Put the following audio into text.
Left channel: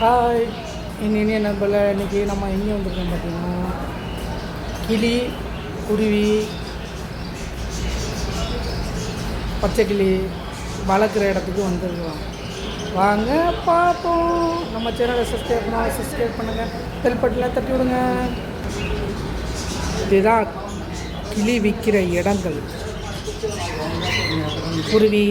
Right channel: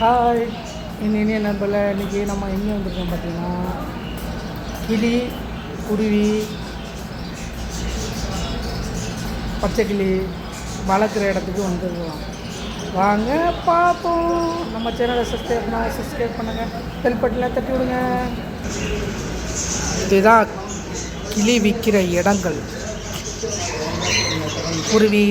Hi இனிய நண்பர்களே, இன்றைக்கி நம்ம எங்கே வந்திருக்கோம் பார்த்தீங்கன்னா, கிளி, குருவி, பச்சைக்கிளி வளர்க்குற இடத்துக்கு வந்துருக்கலாம். வாங்க பார்ப்போம். நம்ம சேனலை சப்ஸ்கிரைப் பண்ணுங்கள், பெல் பட்டனை தட்டி விடுங்க. இதுதான் கிளி விற்கிற இடங்கள். குருவி,